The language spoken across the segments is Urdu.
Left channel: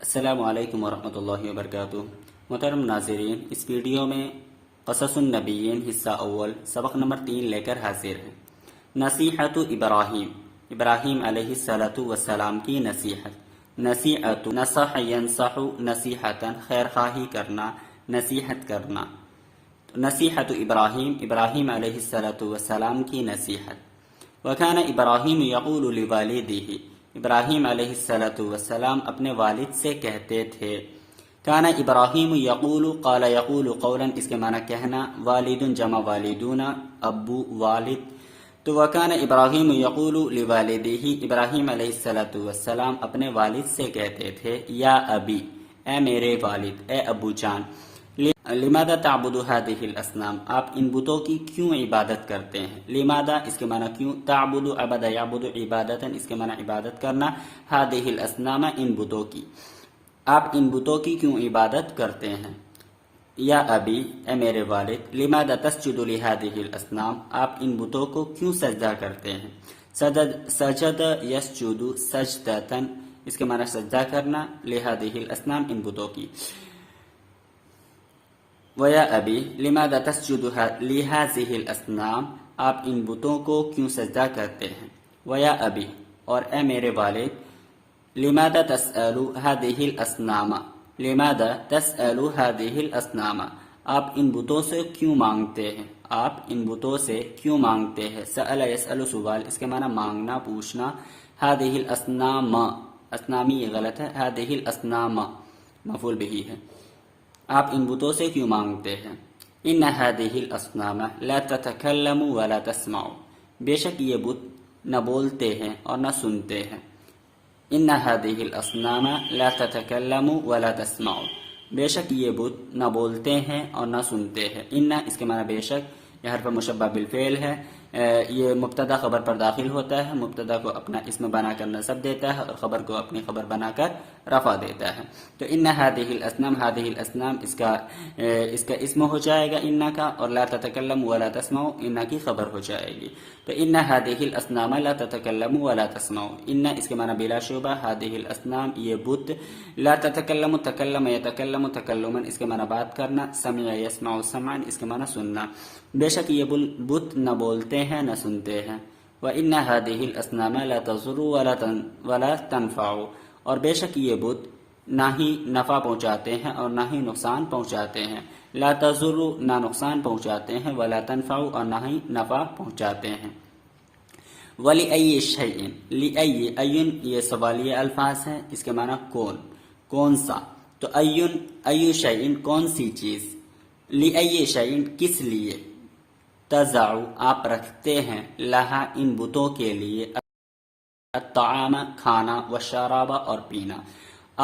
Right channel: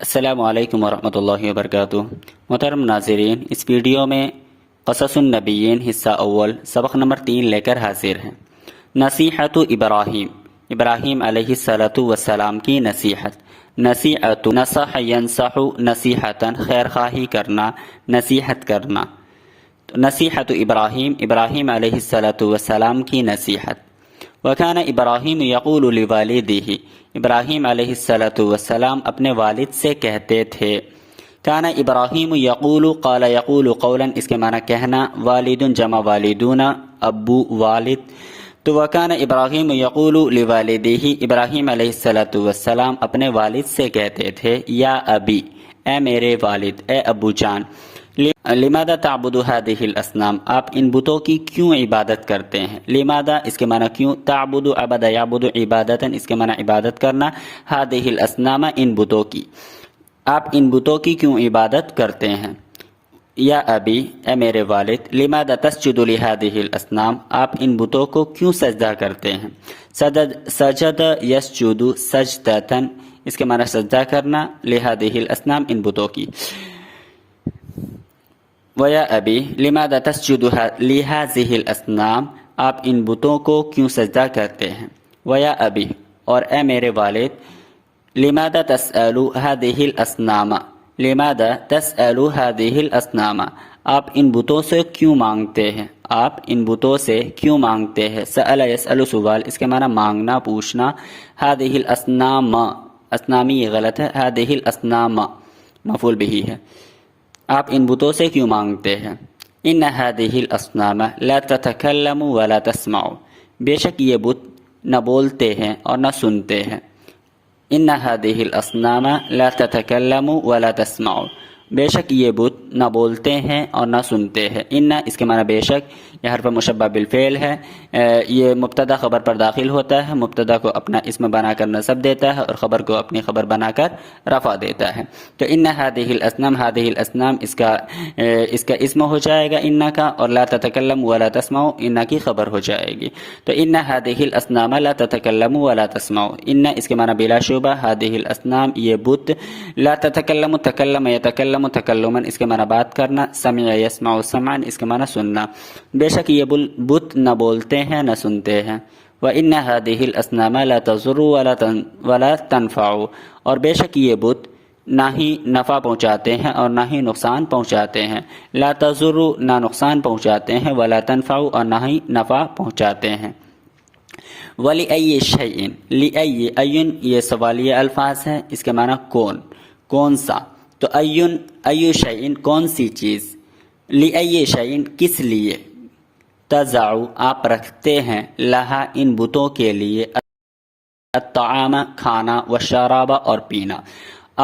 السلام علیکم ورحمۃ اللہ وبرکاتہ۔ محترم ناظرین، اس ویڈیو میں قصص النبیین حصہ اول سبق نمبر 3 لے کر حاضر ہیں۔ نصیحت ابراہیم، ابراہیم علیہ السلام کی نصیحت۔ نصیحت نصح ینصح نصیحتاً، خیر خواہی کرنا، نصیحت کرنا۔ نصیحت ابراہیم، ابراہیم علیہ السلام کی نصیحت۔ وکان ابراہیم یقول لوالدہ، ابراہیم علیہ السلام اپنے والد سے کہتے تھے۔ کان ابراہیم یقول، قال یقول قولا، اس کے معنی کہنا، والد جمع والدون، ابو والد۔ تو وکان ابراہیم یقول لوالدہ، ابراہیم علیہ السلام اپنے والد سے کہتے تھے، یا ابی، اے میرے والد، اے ابو جان، لماذا تعبد هذه الاصنام، آپ ان بتوں کی کیوں عبادت کرتے ہیں؟ لماذا اس کے معنی کیوں، تعبد عبد یعبد عبادتا، اس کے معنی عبادت کرنا، هذه الاصنام ان بتوں کی، آپ ان بتوں کی کیوں عبادت کرتے ہیں؟ یا ابی، اے میرے والد، لماذا تسجد لهذه الاصنام، آپ ان بتوں کو کیوں سجدہ کرتے ہیں؟ سجد یسجد سجدتا، اس کے معنی سجدہ کرنا، لهذه الاصنام ان بتوں کی۔ وَيَا أَبِي لِمَاذَا تَسْجُدُ لِهَذِهِ الْأَصْنَامِ، آپ ان بتوں کو کیوں سجدہ کرتے ہیں؟ وَيَا أَبِي، اور اے میرے والد، لِمَاذَا تَسْأَلُ هَذِهِ الْأَصْنَامَ، لِمَاذَا تَسْأَلُ هَذِهِ الْأَصْنَامَ، آپ ان بتوں سے کیوں مانگتے ہیں؟ آپ ان بتوں سے کیوں مانگتے ہیں؟ سأل يسأل سوال، اس کے معنی مانگنا، پوچھنا، هذه الأصنام، اصنامی یہ غلط ہے، هذه الأصنام مفعول به ہے، آپ ان بتوں سے کیوں مانگتے ہیں؟ ان هذه الاصنام لا تتکلم ولا تسمع، بے شک یہ بت نہ بولتے ہیں اور نہ سنتے ہیں۔ ان هذه الاصنام لا تتکلم ولا تسمع، بے شک یہ بت نہ بولتے ہیں اور نہ سنتے ہیں۔ ان اس کے معنی بے شک، یہ حرف مشبہ بالفعل ہے، یہ مبتدا خبر پر داخل ہوتا ہے، مبتدا کو اپنا اسم بنا کر نصب دیتا ہے اور خبر کو اپنی خبر بنا کر رفع دیتا ہے۔ تو ان هذه الاصنام، هذه الاصنام اس کا اسم ہو جائے گا ان کا، اور لا تتکلم ولا تسمع ان کی خبر ہو جائے گی۔ تو ان هذه الاصنام لا تتکلم ولا تسمع، ان اس کے معنی بلا شبہ، هذه الاصنام یہ بت، لا تتکلم تکلم یتکلم تکلما، اس کے معنی بات کرنا، سمع یسمع سمعا، اس کے معنی سننا، بے شک یہ بت نہ بولتے ہیں نہ سنتے ہیں۔ وَإِنَّ هَذِهِ الْأَصْنَامَ لَا تَضُرُّ وَلَا تَنْفَعُ، اور بے شک یہ بت نہ ہی نفع پہنچاتے ہیں اور نہ ہی نقصان پہنچاتے ہیں۔ لا تضر، نہ نقصان پہنچاتے ہیں، ولا تنفع، اور نہ ہی نفع پہنچاتے ہیں۔ وَلِأَيِّ شَيْءٍ، لِأَيِّ، أَيٌّ یہ سوالیہ الفاظ ہیں، اس کے معنی کون سا، تو أَيُّ شَيْءٍ کون سی چیز، لِأَيِّ شَيْءٍ کس لیے، تَزَعُ آپ رکھتے ہیں، لہا ان بتوں کے لیے، الطعام کھانا، والشراب اور پینا،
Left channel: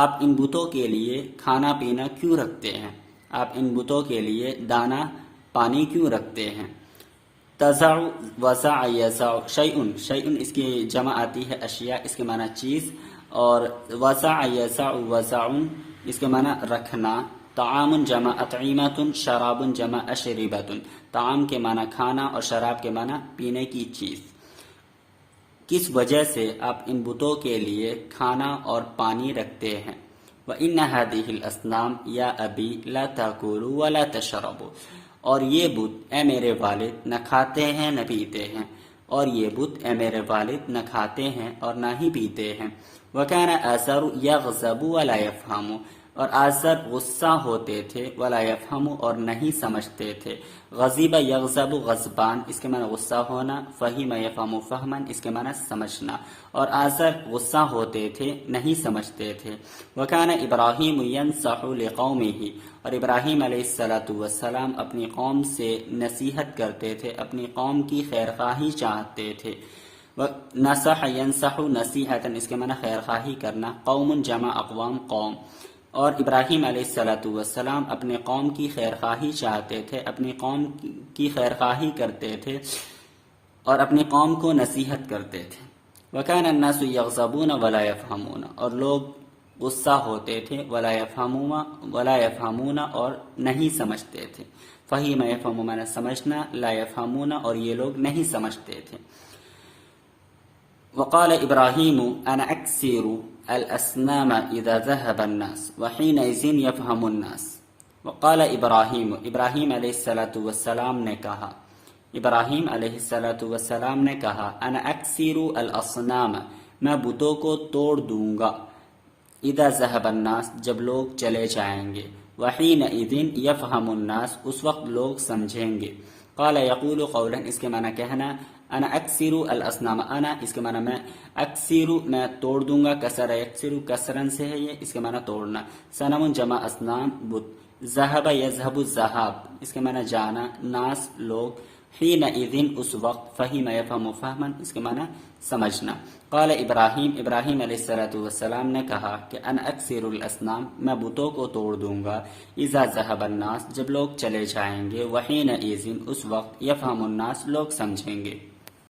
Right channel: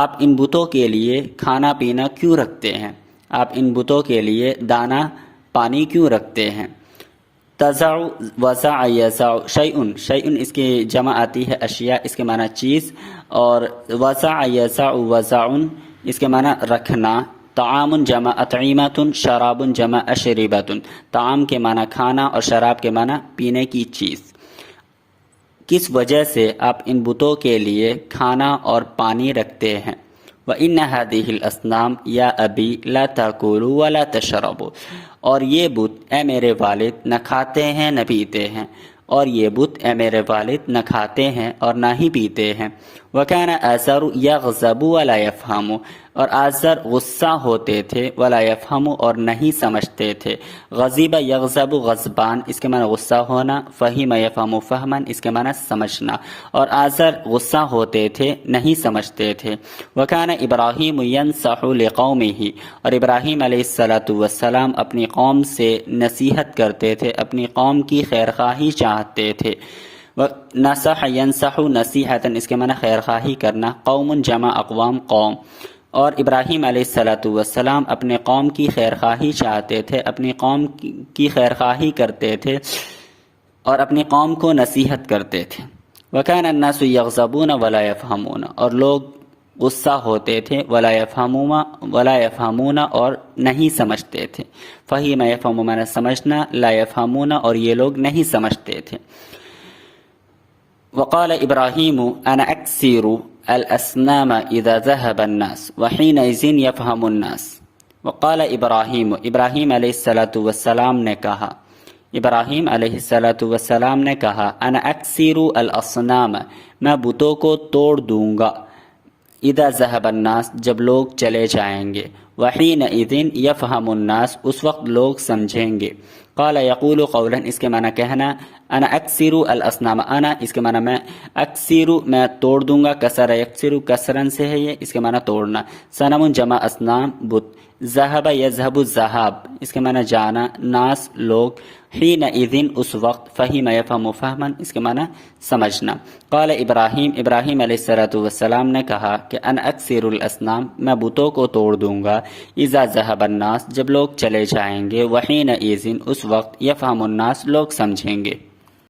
آپ ان بتوں کے لیے کھانا پینا کیوں رکھتے ہیں؟ آپ ان بتوں کے لیے دانا پانی کیوں رکھتے ہیں؟ تزع وزع یزع شیئن، شیئن اس کی جمع آتی ہے اشیاء، اس کے معنی چیز، اور وزع یزع وزعن اس کے معنی رکھنا۔ طعام جمع اطعمۃ، شراب جمع اشربۃ، طعام کے معنی کھانا اور شراب کے معنی پینے کی چیز۔ کس وجہ سے آپ ان بتوں کے لیے کھانا اور پانی رکھتے ہیں؟ وَإِنَّ هَذِهِ الْأَصْنَامَ يَا أَبِي لَا تَأْكُلُوا وَلَا تَشْرَبُوا، اور یہ بت اے میرے والد نہ کھاتے ہیں نہ پیتے ہیں، اور یہ بت اے میرے والد نہ کھاتے ہیں اور نہ ہی پیتے ہیں۔ وَكَانَ آزَرُ يَغْضَبُ وَلَا يَفْهَمُ، اور آزر غصہ ہوتے تھے، ولا یفہم اور نہیں سمجھتے تھے۔ غضب یغضب غضبان، اس کے معنی غصہ ہونا، فہم یفہم فہمن، اس کے معنی سمجھنا، اور آزر غصہ ہوتے تھے، نہیں سمجھتے تھے۔ وکان ابراہیم ینصح لقومہ، اور ابراہیم علیہ السلام اپنی قوم سے نصیحت کرتے تھے، اپنی قوم کی خیر خواہی چاہتے تھے۔ نصح ینصح نصیحتا، اس کے معنی خیر خواہی کرنا، قوم جمع اقوام قوم، اور ابراہیم علیہ السلام اپنے قوم کی خیر خواہی چاہتے تھے، اپنی قوم کی خیر خواہی کرتے تھے اور اپنی قوم کو نصیحت کرتے تھے۔ وَكَانَ النَّاسُ يَغْضَبُونَ وَلَا يَفْهَمُونَ، اور لوگ غصہ ہوتے تھے، ولا يفهمون اور نہیں سمجھتے تھے۔ فہیم یفہم معنی سمجھنا، لا يفهمون اور یہ لوگ نہیں سمجھتے تھے۔ وقال ابراہیم انا اکثر الأصنام إذا ذهب الناس وحينئذ يفهم الناس. وقال ابراہیم، ابراہیم علیہ الصلاۃ والسلام نے کہا، ابراہیم علیہ الصلاۃ والسلام نے کہا، انا اکثر الاصنام، میں بتوں کو توڑ دوں گا، اذا ذهب الناس، جب لوگ چلے جائیں گے، وحینئذ یفہم الناس، اس وقت لوگ سمجھیں گے. قال یقول قولا، اس کے معنی کہنا، انا اکثر الاصنام، انا اس کے معنی میں، اکثر میں توڑ دوں گا، کسر یکثر کسرن سے ہے یہ، اس کے معنی توڑنا. صنم جمع اصنام بت، ذهب یذهب الذهاب، اس کے معنی جانا، ناس لوگ، حینئذ اس وقت، فہم یفہم فہما، اس کے معنی سمجھنا. قال ابراہیم، ابراہیم علیہ الصلاۃ والسلام نے کہا کہ ان اکثر الاصنام، میں بتوں کو توڑ دوں گا، اذا ذهب الناس، جب لوگ چلے جائیں گے، وحینئذ اس وقت، یفہم الناس، لوگ سمجھیں گے.